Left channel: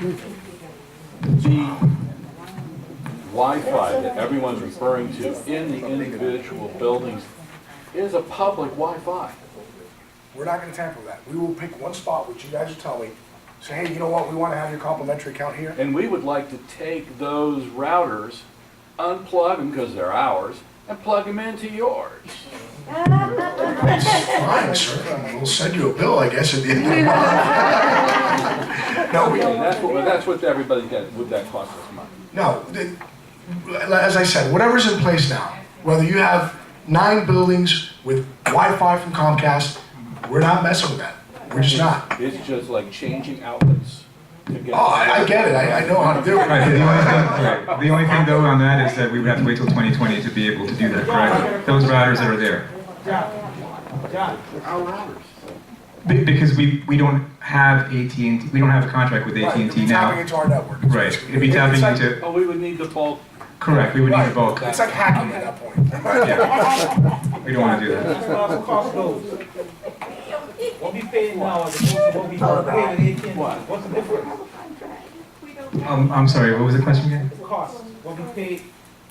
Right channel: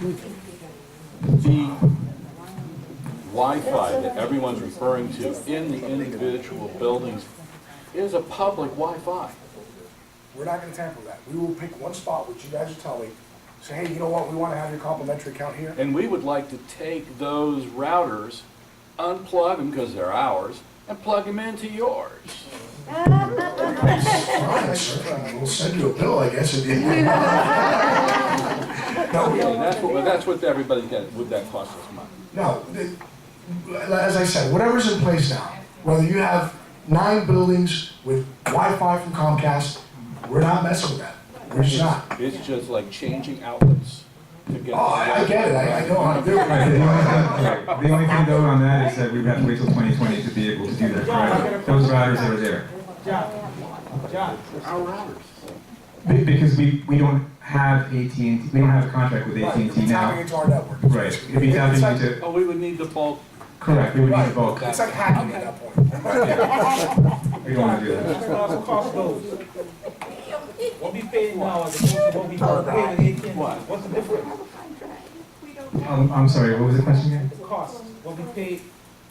The Wi-Fi that everyone's referring to in the individual buildings is a public Wi-Fi. We're not gonna tamper with that. We will pick one spot, which you guys will tell me, say, hey, you know what, we wanna have your complimentary account here. And we would like to take those routers, unplug them because they're ours, and plug them into yours. Fine, sir. We'll send you a bill, I guess, at the end of the month. No, we, And that's what everybody gets, would that cost us money? no, as I said, whatever's in place now, whether you have 9 buildings with Wi-Fi from Comcast, we're not messing with that. We're just not. It's just like changing outlets to get. Oh, I get it. I know how to do it. Right, the only thing though on that is that we would have to wait till 2020 to be able to do that, correct? Those routers that are there. John, Our routers. Because we don't have AT&T, we don't have a contract with Right, AT&T it's tapping now. into our network. Right, it'd be tapping It's like- into, Oh, we would need the bulk. correct, we would need Right, the bulk. it's like hacking at that point. We don't want to do that. that's what our cost goes. What we pay now as opposed to what we gonna pay with AT&T, what's the difference? I'm sorry, what was the question again? The cost, what we pay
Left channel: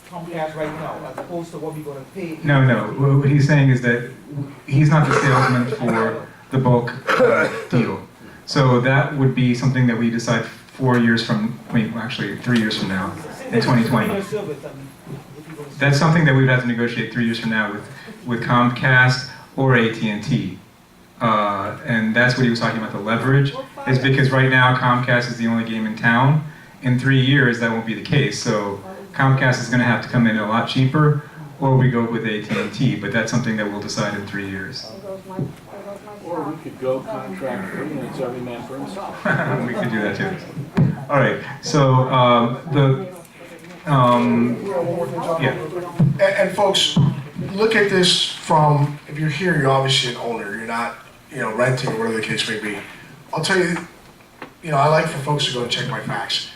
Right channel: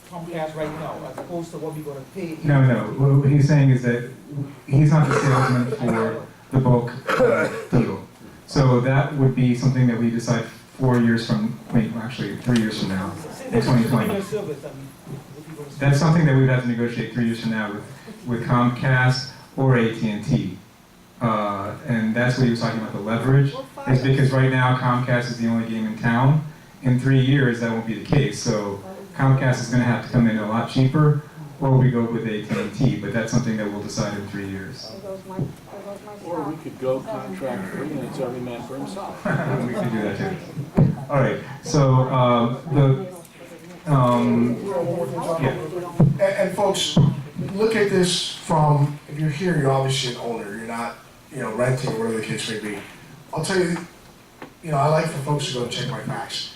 Comcast right now, as opposed to what we gonna pay. No, what he's saying is that he's not the salesman for the bulk deal. So that would be something that we decide 4 years from, wait, actually 3 years from now, in 2020. That's something that we'd have to negotiate 3 years from now with Comcast or AT&T. And that's what he was talking about, the leverage, is because right now Comcast is the only game in town. In 3 years, that won't be the case. So Comcast is gonna have to come in a lot cheaper, or we go with AT&T, but that's something that we'll decide in 3 years. Or we could go contract free and it's every man for himself. We could do that too. All right, so, yeah. And folks, look at this from, if you're here, you're obviously an owner, you're not, renting or whatever the case may be. I'll tell you, I like for folks to go and check my facts.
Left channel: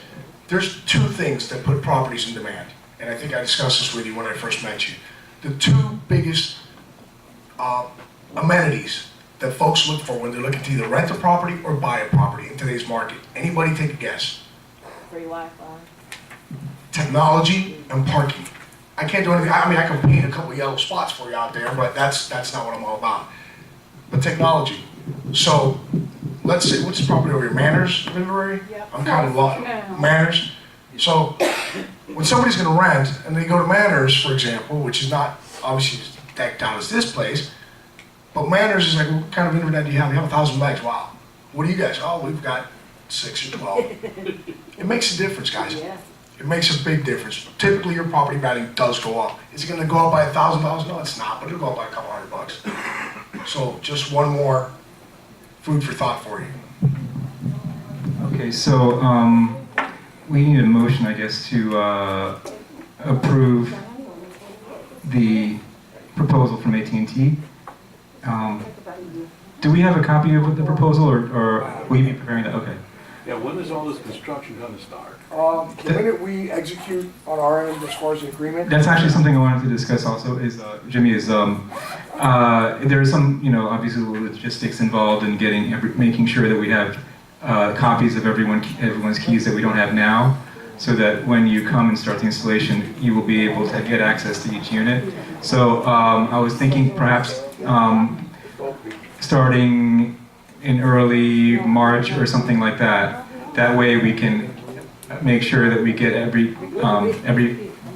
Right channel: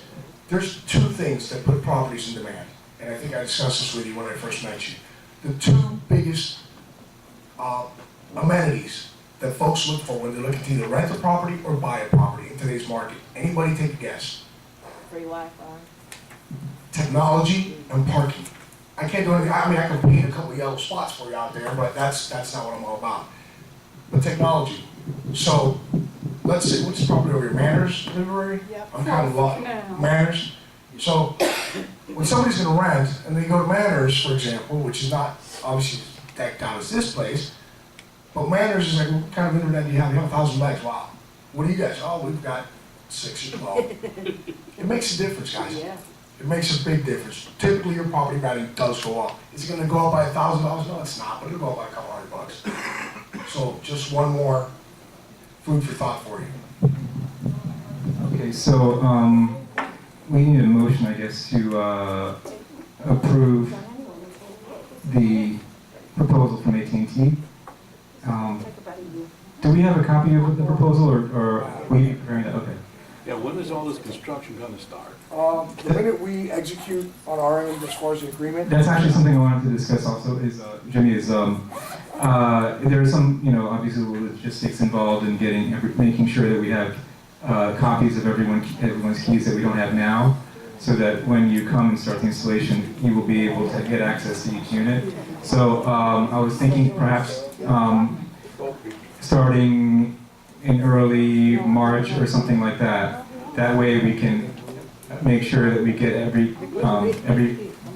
There's 2 things that put properties in demand, and I think I discussed this with you when I first met you. The 2 biggest amenities that folks look for when they're looking to either rent a property or buy a property in today's market. Anybody take a guess? Free Wi-Fi. Technology and parking. I can't do anything, I mean, I can paint a couple yellow spots for you out there, but that's not what I'm all about. But technology. So, let's say, what's the property over here, Manners Library? Yep. I'm kind of lost, Manners. So, when somebody's gonna rent, and they go to Manners, for example, which is not obviously decked out as this place, but Manners is like, what kind of internet do you have? You have 1,000 megs, wow. What do you guys? Oh, we've got 6 or 12. It makes a difference, guys. Yeah. It makes a big difference. Typically, your property value does go up. Is it gonna go up by $1,000? No, it's not, but it'll go up by a couple $100. So just one more food for thought for you. Okay, so, we need a motion, I guess, to approve the proposal from AT&T. Do we have a copy of the proposal, or will you be preparing that? Okay. Yeah, when is all this construction gonna start? The minute we execute on our end as far as the agreement, That's actually something I wanted to discuss also, is, Jimmy, is, there is some, obviously logistics involved in making sure that we have copies of everyone's keys that we don't have now, so that when you come and start the installation, you will be able to get access to each unit. So I was thinking perhaps starting in early March or something like that. That way we can make sure that we get every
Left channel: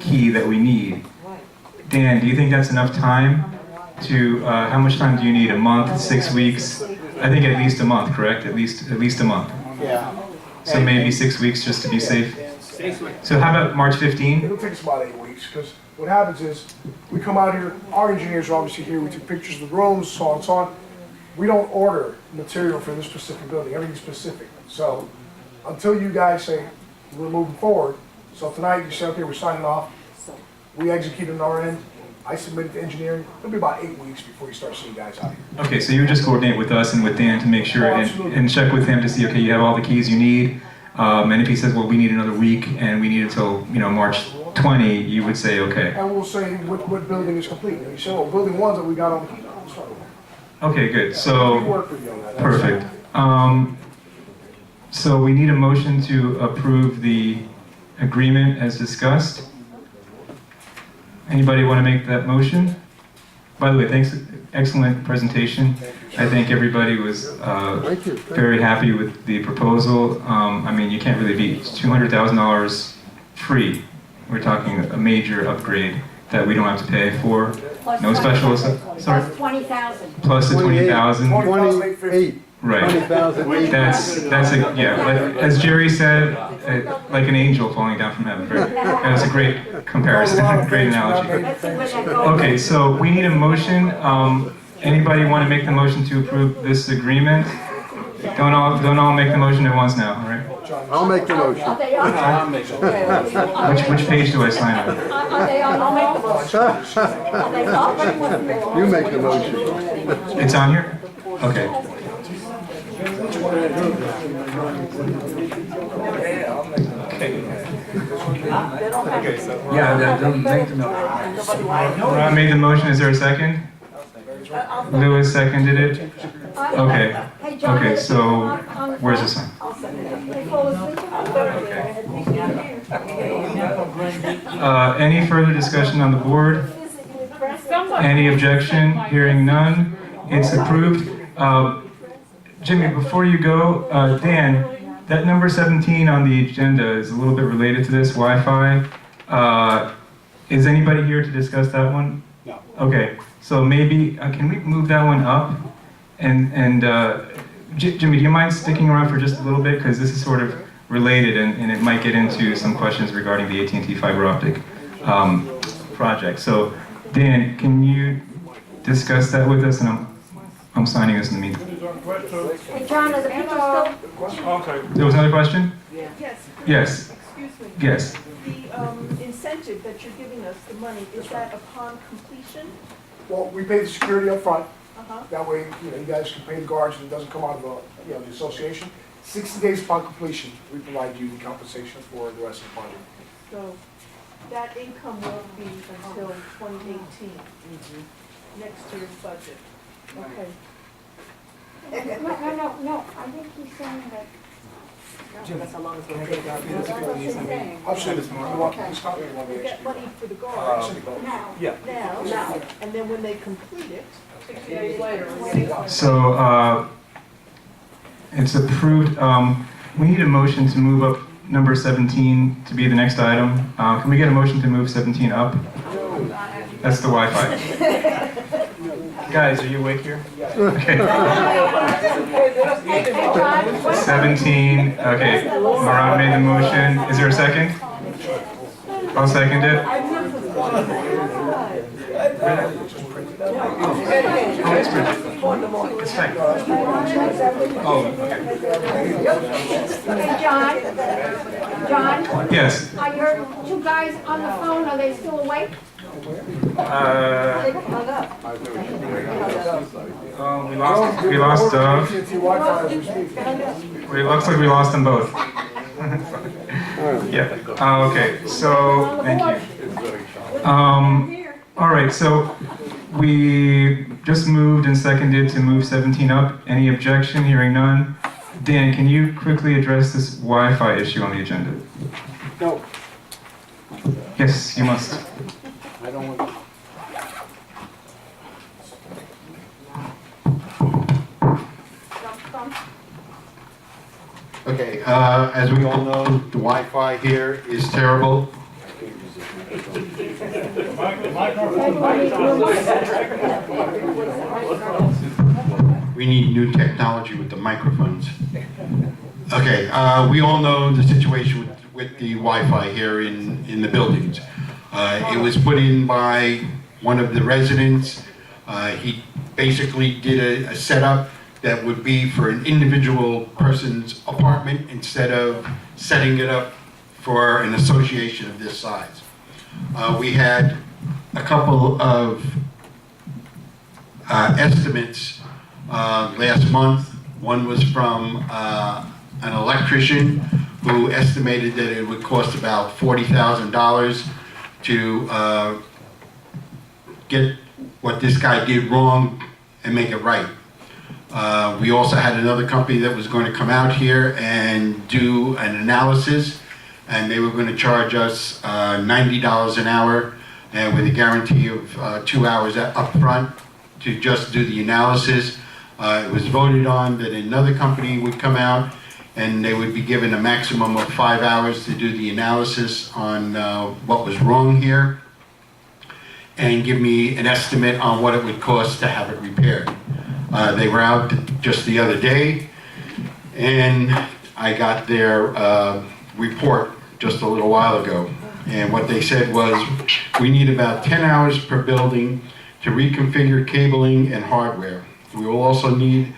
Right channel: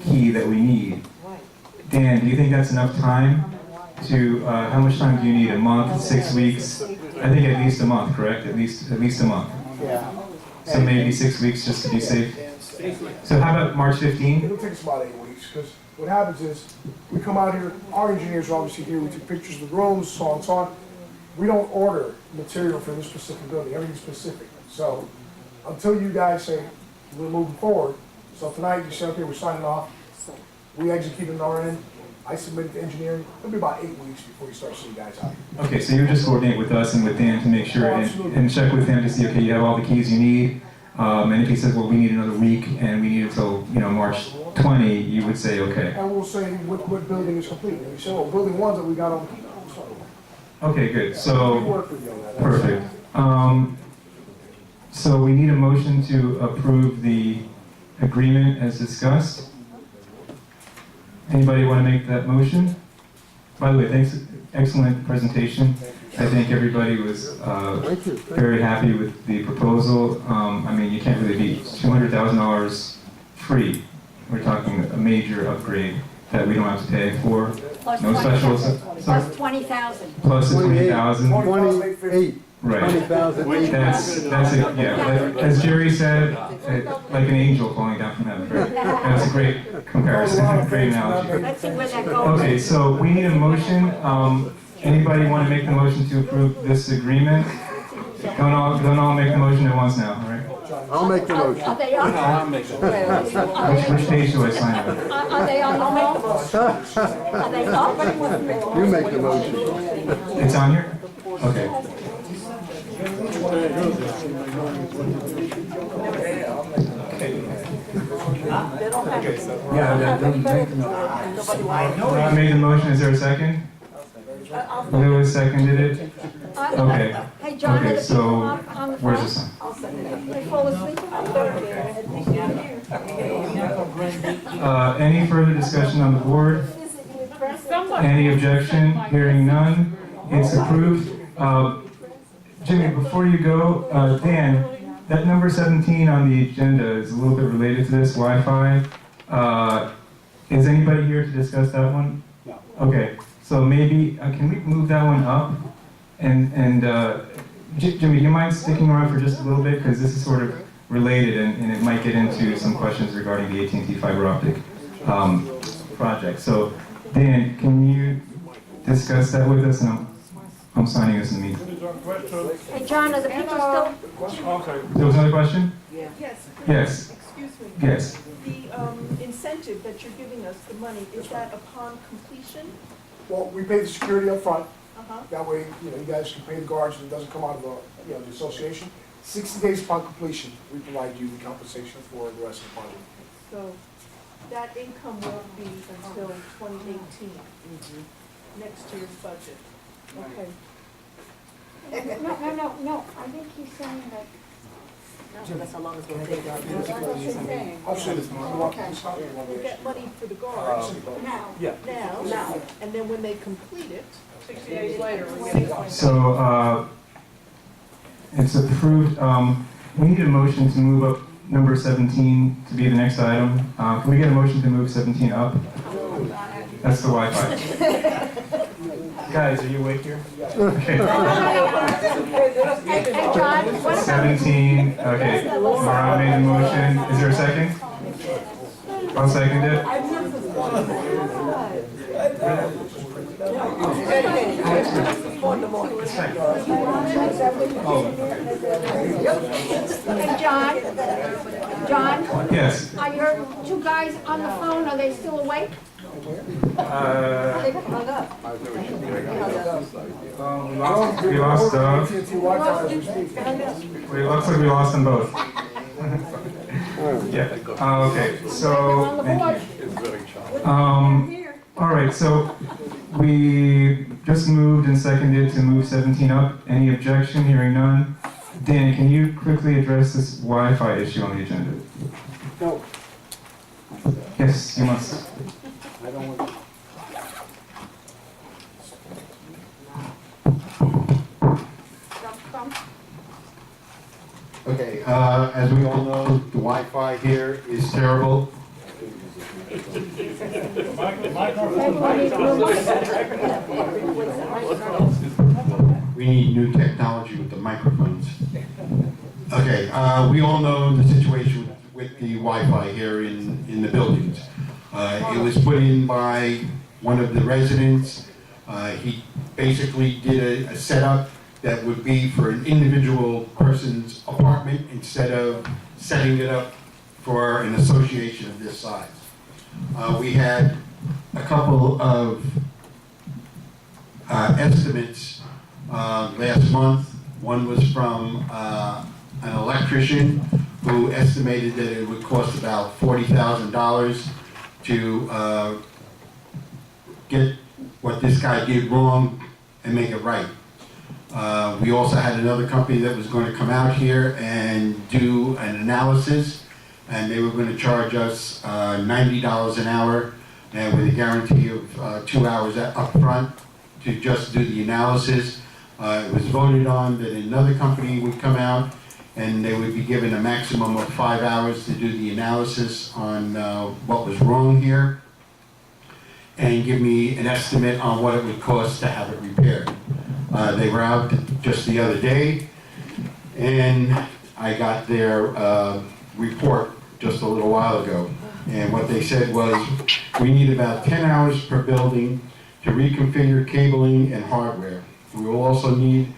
key that we need. Dan, do you think that's enough time to, how much time do you need? A month, 6 weeks? I think at least a month, correct? At least a month. yeah. So maybe 6 weeks just to be safe. So how about March 15? It'll take us about 8 weeks, because what happens is, we come out here, our engineers are obviously here, we take pictures of the rooms, so on and so on. We don't order material for this specific building, everything's specific. So, until you guys say, we're moving forward, so tonight you say, okay, we're signing off, we execute on our end, I submit it to engineering, it'll be about 8 weeks before you start seeing guys out here. Okay, so you just coordinate with us and with Dan to make sure and check with him to see, okay, you have all the keys you need. And if he says, well, we need another week and we need it until, March 20, you would say, okay. And we'll say what building is complete, and you say, well, building 1 that we got on the key, we'll start with. Okay, good, We so, work with you on that. perfect. So we need a motion to approve the agreement as discussed. Anybody want to make that motion? By the way, thanks, excellent presentation. I think everybody was very happy with the proposal. I mean, you can't really beat $200,000 free. We're talking a major upgrade that we don't have to pay for. Plus No special, 20,000. sorry, Plus 20,000. plus the 20,000. 28. Right. 20,000. That's a, yeah, but as Jerry said, like an angel falling down from heaven. Right? That's a great comparison, great analogy. Let's see where that goes. Okay, so we need a motion. Anybody want to make the motion to approve this agreement? Don't all make the motion at once now, all right? I'll make the motion. Are they on? I'll make it. Which page do I sign on? Are they on the wall? Are they up? You make the motion. It's on here? Okay. Ron made the motion, is there a second? Lewis seconded it? Okay. Hey, John, Okay, are the so people on the where's the phone? sign? They fall asleep? Any further discussion on the board? Any objection? Hearing none, it's approved. Jimmy, before you go, Dan, that number 17 on the agenda is a little bit related to this Wi-Fi. Is anybody here to discuss that one? No. Okay, so maybe, can we move that one up? And Jimmy, do you mind sticking around for just a little bit? Because this is sort of related and it might get into some questions regarding the AT&T fiber optic project. So Dan, can you discuss that with us? And I'm signing this in the meeting. Hey, John, are the people still? There was another question? Yes, Yes, excuse me. yes. The incentive that you're giving us, the money, is that upon completion? Well, we pay the security up front. Uh-huh. That way, you know, you guys can pay the guards and it doesn't come out of the association. 60 days upon completion, we provide you the compensation for the rest of the project. So that income won't be until 2018, next year's budget. Okay. No, I think he's saying that. That's how long it's going to take. That's what he's saying. Absolutely. You want to stop it, you want We'll to get money for the guards Now. now, and then when they complete it, 60 days later, we're getting. So it's approved. We need a motion to move up number 17 to be the next item. Can we get a motion to move 17 up? That's the Wi-Fi. Guys, are you awake here? Okay. Hey, John, what about 17, okay. Marat made the motion. Is there a second? I'll second it. It's fine. Oh, okay. Hey, John, Yes. are your two guys on the phone, are they still awake? We lost Dove. AT&T Wi-Fi as we speak. It looks like we lost them both. Yeah. Okay. So thank you. All right. So we just moved and seconded to move 17 up. Any objection? Hearing none. Dan, can you quickly address this Wi-Fi issue on the agenda? No. Yes, you must. I don't want. Okay, as we all know, the Wi-Fi here is terrible. We need new technology with the microphones. Okay, we all know the situation with the Wi-Fi here in the buildings. It was put in by one of the residents. He basically did a setup that would be for an individual person's apartment instead of setting it up for an association of this size. We had a couple of estimates last month. One was from an electrician who estimated that it would cost about $40,000 to get what this guy did wrong and make it right. We also had another company that was going to come out here and do an analysis, and they were going to charge us $90 an hour, and with a guarantee of 2 hours up front to just do the analysis. It was voted on that another company would come out, and they would be given a maximum of 5 hours to do the analysis on what was wrong here, and give me an estimate on what it would cost to have it repaired. They were out just the other day, and I got their report just a little while ago. And what they said was, we need about 10 hours per building to reconfigure cabling and hardware. We will also need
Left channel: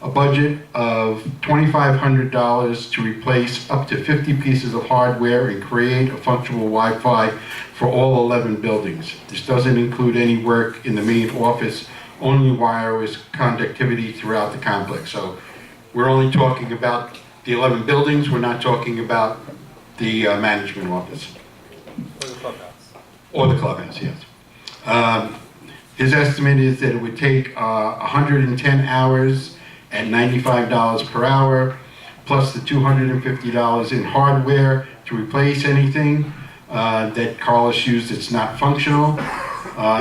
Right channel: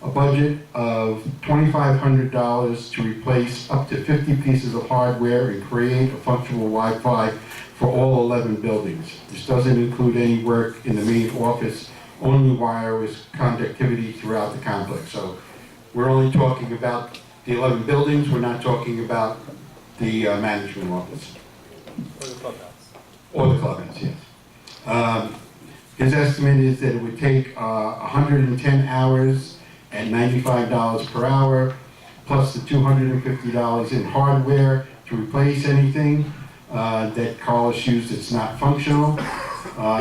a budget of $2,500 to replace up to 50 pieces of hardware and create a functional Wi-Fi for all 11 buildings. This doesn't include any work in the main office, only wireless connectivity throughout the complex. So we're only talking about the 11 buildings, we're not talking about the management office. For the clubhouse. Or the clubhouse, yes. His estimate is that it would take 110 hours at $95 per hour, plus the $250 in hardware to replace anything that Carlos used that's not functional.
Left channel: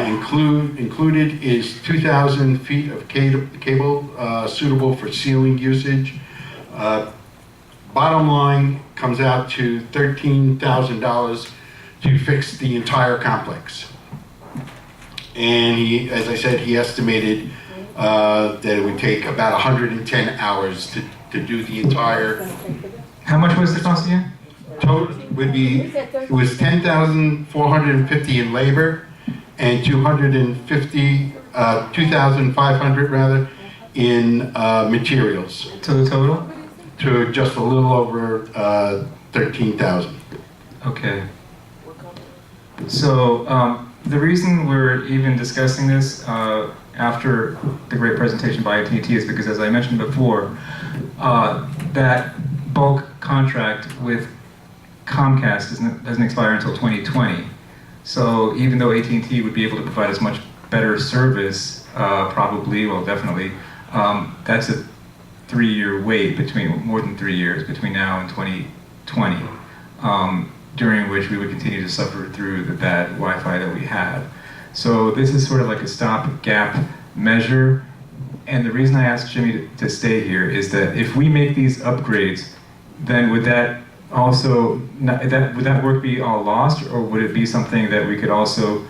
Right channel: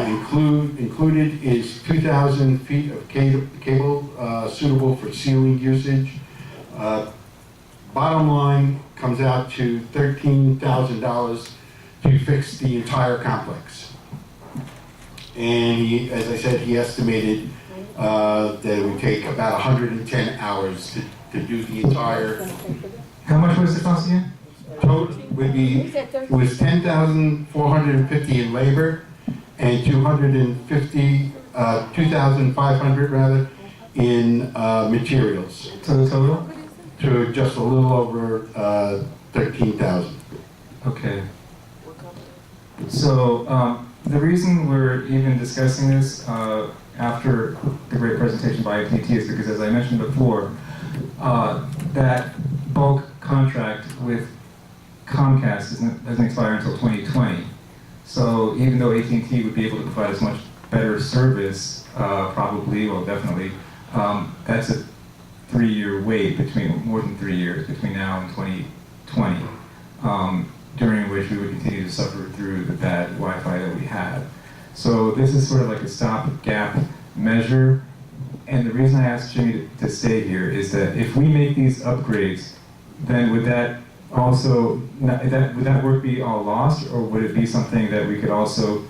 Included is 2,000 feet of cable suitable for ceiling usage. Bottom line comes out to $13,000 to fix the entire complex. And he, as I said, he estimated that it would take about 110 hours to do the entire. How much was the cost again? Total would be, it was 10,450 in labor and 2,500 rather in materials, So the total? to just a little over 13,000. Okay. So the reason we're even discussing this after the great presentation by AT&T is because, as I mentioned before, that bulk contract with Comcast doesn't expire until 2020. So even though AT&T would be able to provide us much better service, probably, well, definitely, that's a 3-year wait between, more than 3 years, between now and 2020, during which we would continue to suffer through the bad Wi-Fi that we have. So this is sort of like a stopgap measure. And the reason I asked Jimmy to stay here is that if we make these upgrades, then would that also, would that work be all lost, or would it be something that we could also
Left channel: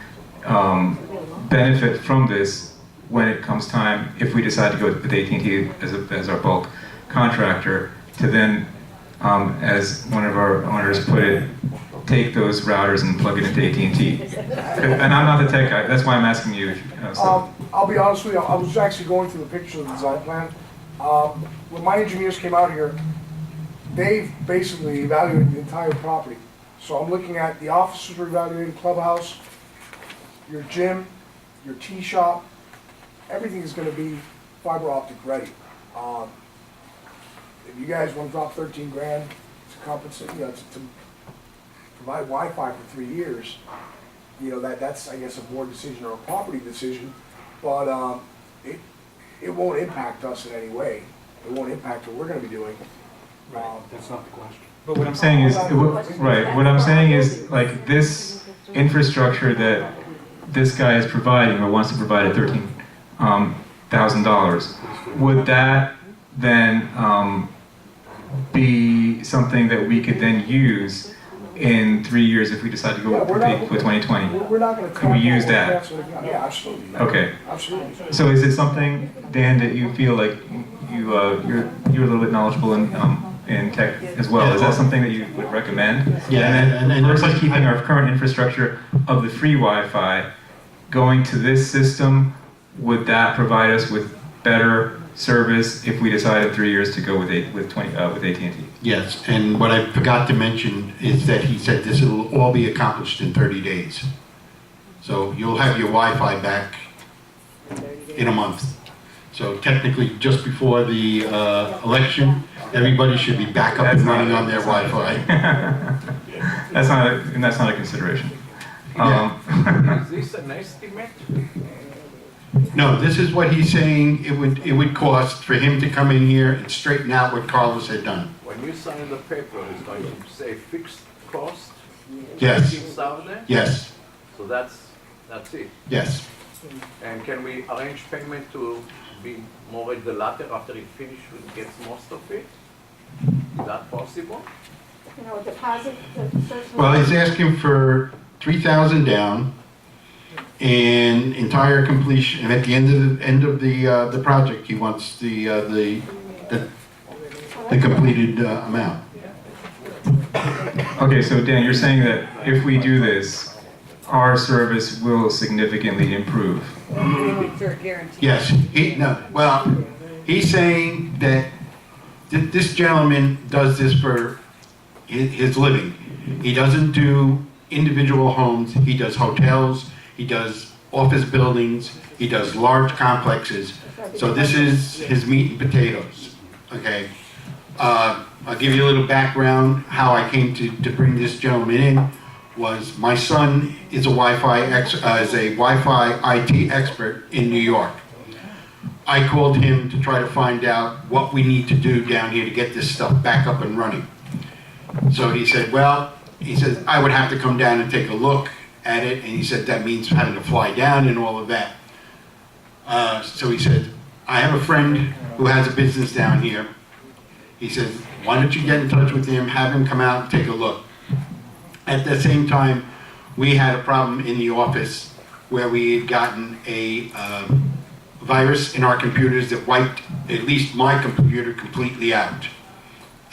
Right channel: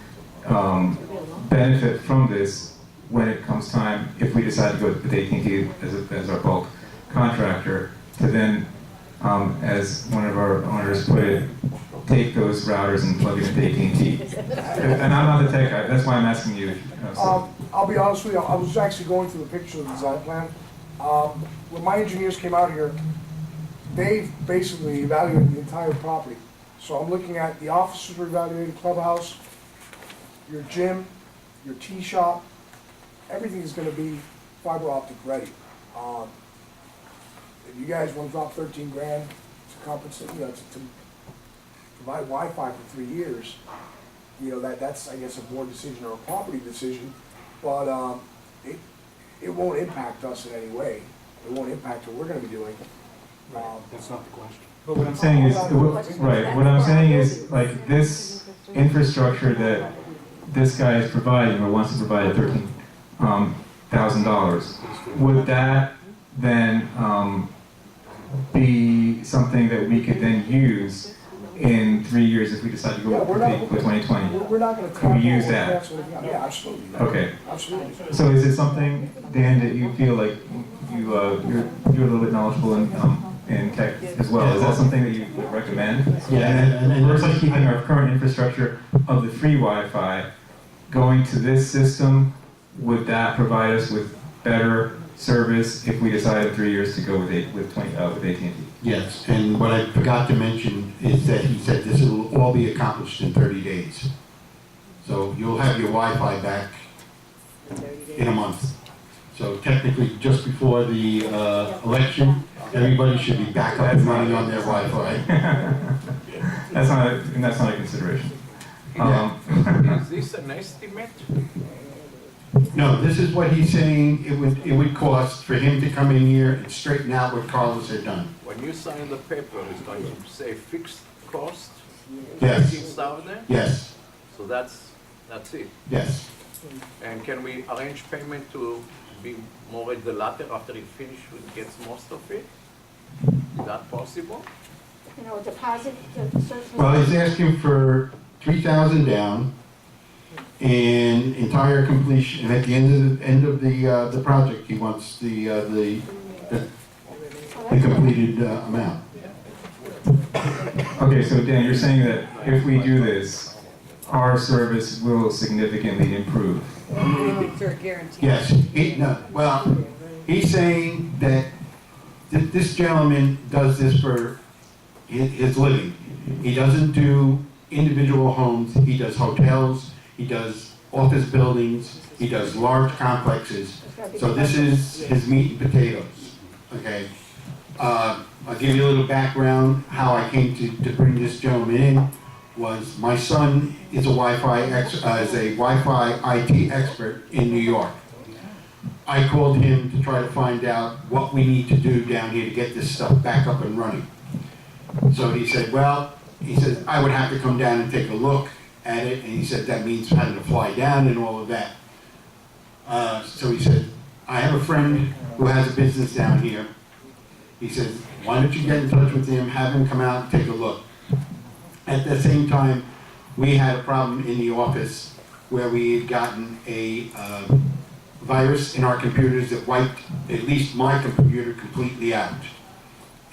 benefit from this when it comes time, if we decide to go with AT&T as our bulk contractor, to then, as one of our owners put it, take those routers and plug it into AT&T. And I'm not the tech guy, that's why I'm asking you. I'll be honest with you, I was actually going through the pictures of the design plan. When my engineers came out here, they've basically evaluated the entire property. So I'm looking at the offices were evaluated, clubhouse, your gym, your tea shop, everything is gonna be fiber optic ready. If you guys wanna drop 13 grand to compensate, you know, to provide Wi-Fi for 3 years, you know, that's, I guess, a board decision or a property decision, but it won't impact us in any way. It won't impact what we're gonna be doing. That's not the question. But what I'm saying is, right, what I'm saying is, like, this infrastructure that this guy is providing, or wants to provide at $13,000, would that then be something that we could then use in 3 years if we decide to go with 2020? We're not gonna. Can we use that? Yeah, absolutely. Okay. Absolutely. So is it something, Dan, that you feel like you're a little bit knowledgeable in tech as well? Is that something that you would recommend? Yeah, and versus keeping our current infrastructure of the free Wi-Fi, going to this system, would that provide us with better service if we decide in 3 years to go with AT&T? Yes, and what I forgot to mention is that he said this will all be accomplished in 30 days. So you'll have your Wi-Fi back in a month. So technically, just before the election, everybody should be back up and running on their Wi-Fi. That's not a consideration. Yeah. Is this an estimate? No, this is what he's saying it would cost for him to come in here and straighten out what Carlos had done. When you sign the paper, it's going to say fixed cost, Yes, 15,000, yes, so that's it. yes. And can we arrange payment to be more at the latter after he finishes, gets most of it? Is that possible? You know, a deposit, certainly. Well, he's asking for 3,000 down and entire completion, and at the end of the project, he wants the completed amount. Okay, so Dan, you're saying that if we do this, our service will significantly improve. Yes, he's saying that this gentleman does this for his living. He doesn't do individual homes, he does hotels, he does office buildings, he does large complexes. So this is his meat and potatoes, okay? I'll give you a little background, how I came to bring this gentleman in was my son is a Wi-Fi IT expert in New York. I called him to try to find out what we need to do down here to get this stuff back up and running. So he said, I would have to come down and take a look at it, and he said that means having to fly down and all of that. So he said, I have a friend who has a business down here. He said, why don't you get in touch with him, have him come out and take a look. At the same time, we had a problem in the office where we had gotten a virus in our computers that wiped at least my computer completely out.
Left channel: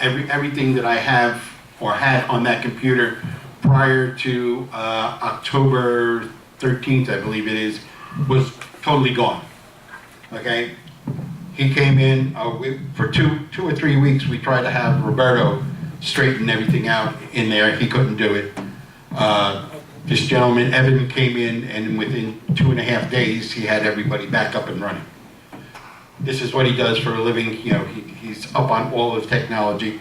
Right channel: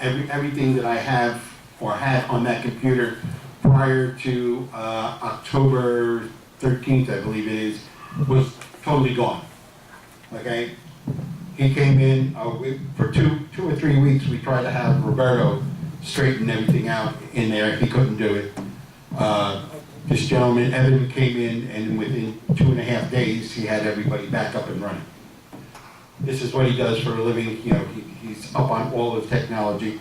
Everything that I have or had on that computer prior to October 13th, I believe it is, was totally gone. Okay? He came in, for two or 3 weeks, we tried to have Roberto straighten everything out in there. He couldn't do it. This gentleman, Evan, came in, and within 2.5 days, he had everybody back up and running. This is what he does for a living. You know, he's up on all of technology.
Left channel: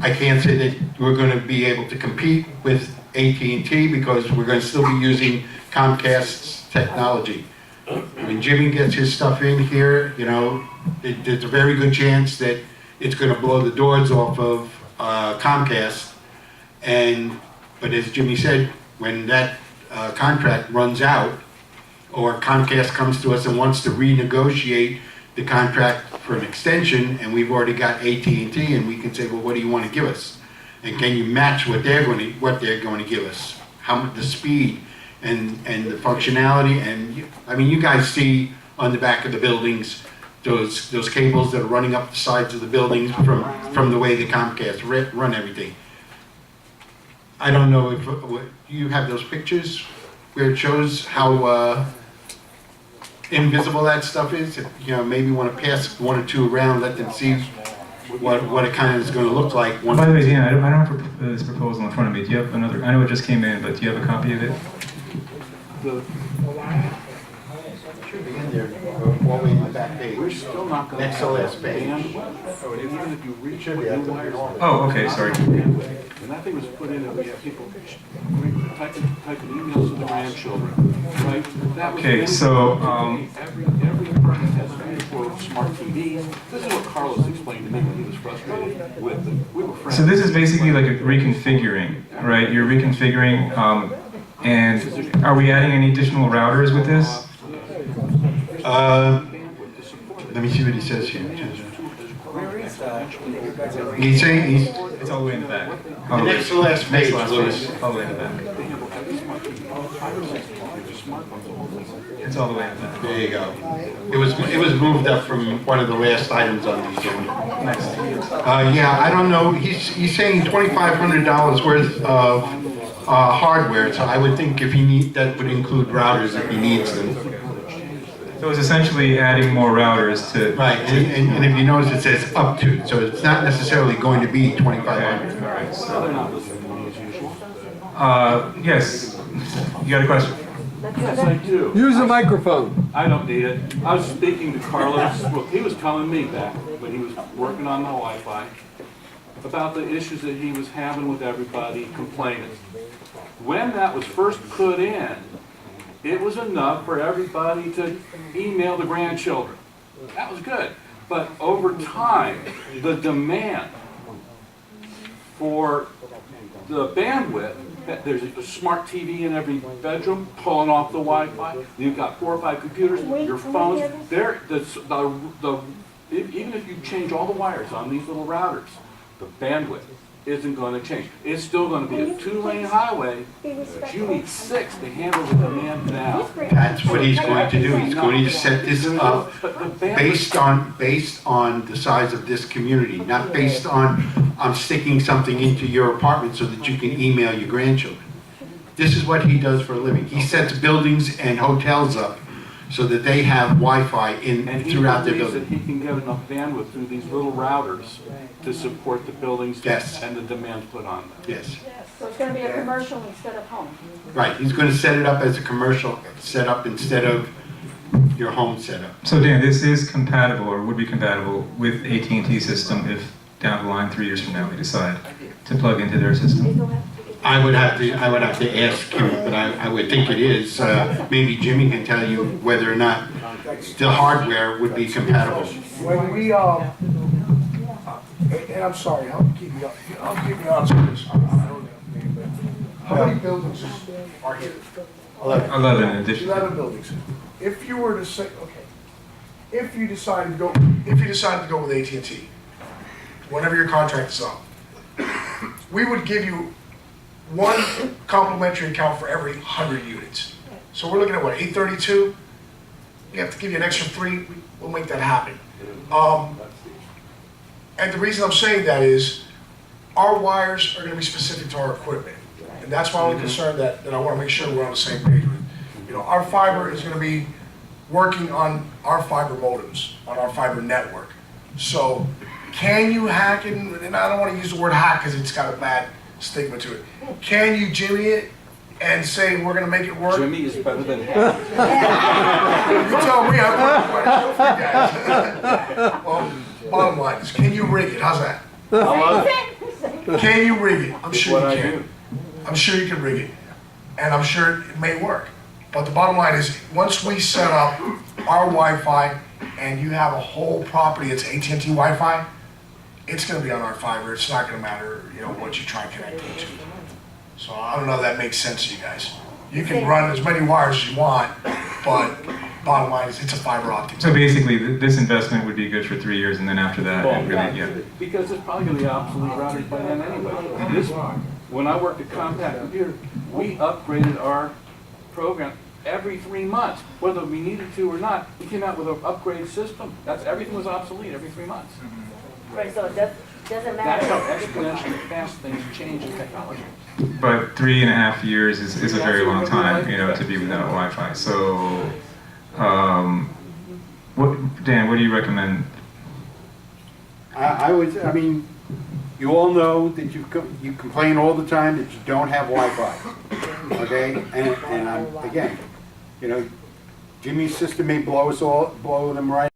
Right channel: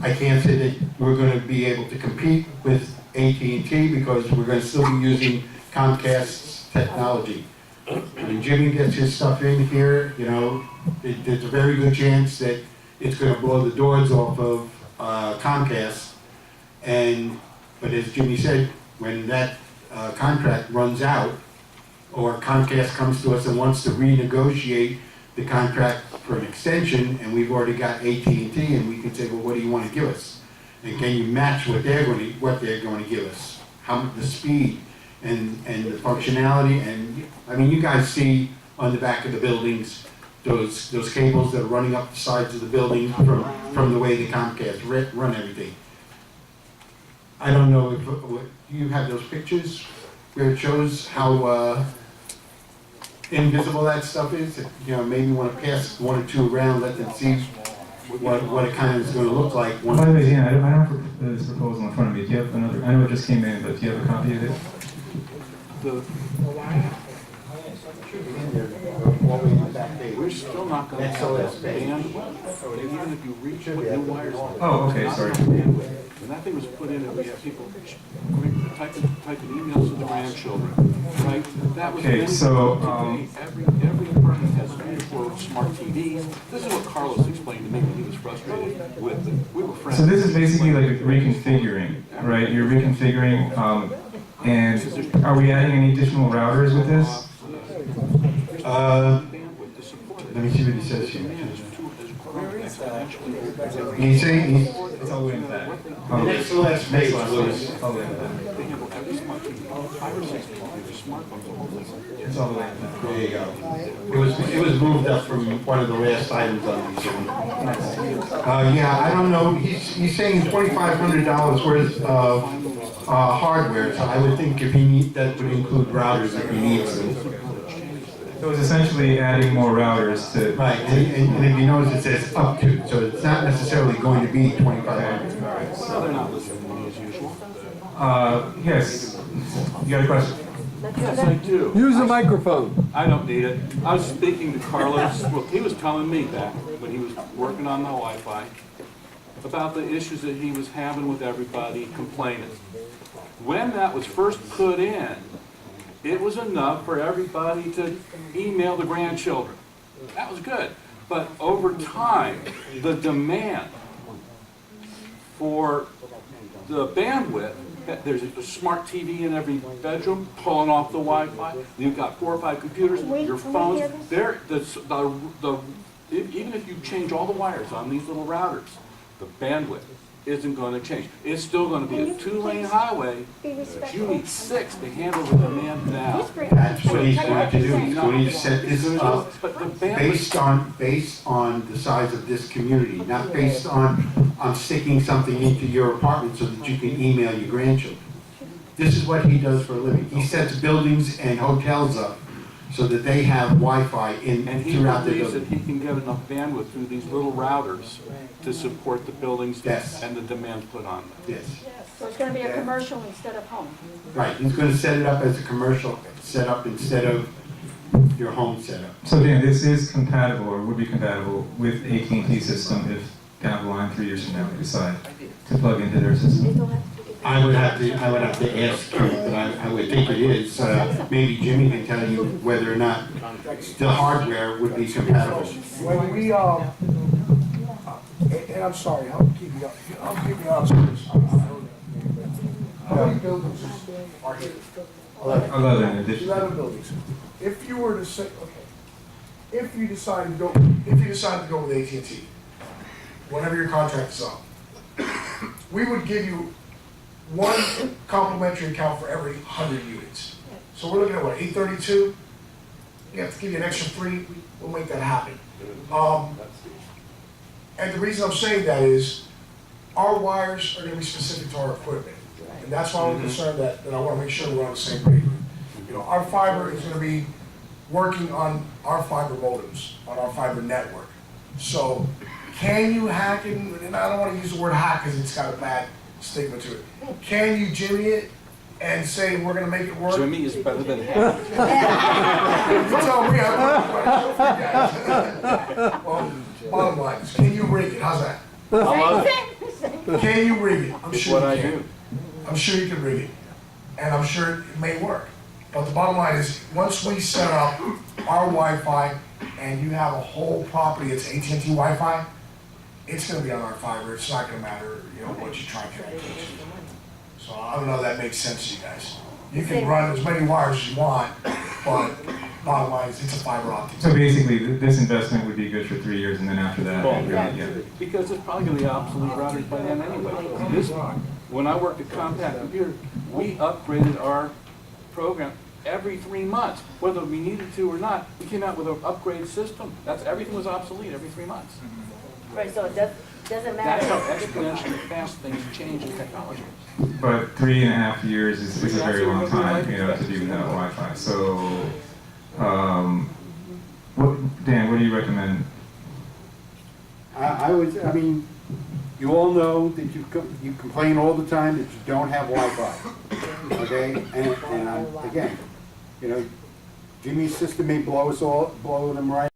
I can't say that we're going to be able to compete with AT&T because we're going to still be using Comcast's technology. When Jimmy gets his stuff in here, you know, there's a very good chance that it's going to blow the doors off of Comcast. But as Jimmy said, when that contract runs out, or Comcast comes to us and wants to renegotiate the contract for an extension, and we've already got AT&T, and we can say, well, what do you want to give us? And can you match what they're going to give us? How much the speed and the functionality? And I mean, you guys see on the back of the buildings those cables that are running up the sides of the buildings from the way the Comcast run everything. I don't know if you have those pictures where it shows how invisible that stuff is. If, you know, maybe want to pass 1 or 2 around, let them see what it kind of is going to look like. By the way, Dan, I don't have this proposal in front of me. Do you have another? I know it just came in, but do you have a copy of it? We're still not going to Next to have last that page. bandwidth, even if you reach what new wires. Oh, okay, sorry. When that thing was put in, and we have people typing emails to the grandchildren, right? That was Okay, so, every apartment has 3 or 4 smart TVs. This is what Carlos explained to me when he was frustrated with them. We were friends. So this is basically like a reconfiguring, right? You're reconfiguring, and are we adding any additional routers with this? Let me see what he says here. He's saying It's all the way in the back. the next to last page, Louis. All the way in the back. It's all the way in the back. There you go. It was moved up from one of the last items on the agenda. Yeah, I don't know. He's saying $2,500 worth of hardware. So I would think if that would include routers if he needs them. So it's essentially adding more routers to. Right, and if you notice, it says up to, so it's not necessarily going to be 2,500. All right. So they're not listening to me as usual. Yes. You got a question? Yes, I do. Use the microphone. I don't need it. I was speaking to Carlos, well, he was telling me back when he was working on the Wi-Fi about the issues that he was having with everybody complaining. When that was first put in, it was enough for everybody to email the grandchildren. That was good. But over time, the demand for the bandwidth, there's a smart TV in every bedroom pulling off the Wi-Fi. You've got 4 or 5 computers, your phones. Even if you change all the wires on these little routers, the bandwidth isn't going to change. It's still going to be a 2-lane highway, but you need 6 to handle the demand now. That's what he's going to do. He's going to set this up But the bandwidth, based on the size of this community, not based on, I'm sticking something into your apartment so that you can email your grandchildren. This is what he does for a living. He sets buildings and hotels up so that they have Wi-Fi and he throughout their believes that building. he can get enough bandwidth through these little routers to support the buildings Yes. and the demands put on them. Yes, So it's gonna be a commercial instead of home. right. He's going to set it up as a commercial setup instead of your home setup. So Dan, this is compatible or would be compatible with AT&T system if down the line 3 years from now we decide to plug into their system? I would have to ask you, but I would think it is. Maybe Jimmy can tell you whether or not the hardware would be compatible. When we, and I'm sorry, I'll keep you honest with this. How many buildings are here? 11 in addition. 11 buildings. If you were to say, okay, if you decided to go with AT&T, whenever your contract is up, we would give you 1 complimentary account for every 100 units. So we're looking at what, 832? We have to give you an extra 3, we'll make that happen. And the reason I'm saying that is, our wires are gonna be specific to our equipment. And that's why I'm concerned that I wanna make sure we're on the same page. You know, our fiber is gonna be working on our fiber modems, on our fiber network. So, can you hack it, and I don't wanna use the word hack because it's got a bad stigma to it. Can you Jimmy it and say, we're gonna make it work? Jimmy is better than him. You tell me, I'm working for you guys. Well, bottom line is, can you rig it? How's that? Can you rig it? I'm It's sure what you I can. do. I'm sure you can rig it. And I'm sure it may work. But the bottom line is, once we set up our Wi-Fi and you have a whole property that's AT&T Wi-Fi, it's gonna be on our fiber. It's not gonna matter, you know, what you try and connect it to. So I don't know if that makes sense to you guys. You can run as many wires as you want, but bottom line is, it's a fiber optic. So basically, this investment would be good for 3 years and then after that, it really, yeah. Because it's probably gonna be obsolete routers by then anyway. When I worked at Compaq Computer, we upgraded our program every 3 months, whether we needed to or not. We came out with an upgrade system. Everything was obsolete every 3 months. Right, so it doesn't That's how matter. exponentially fast things change in technology. But 3.5 years is a very long time, you know, to be without Wi-Fi. So, Dan, what do you recommend? I mean, you all know that you complain all the time that you don't have Wi-Fi, okay? And again, you know, Jimmy's system may blow them right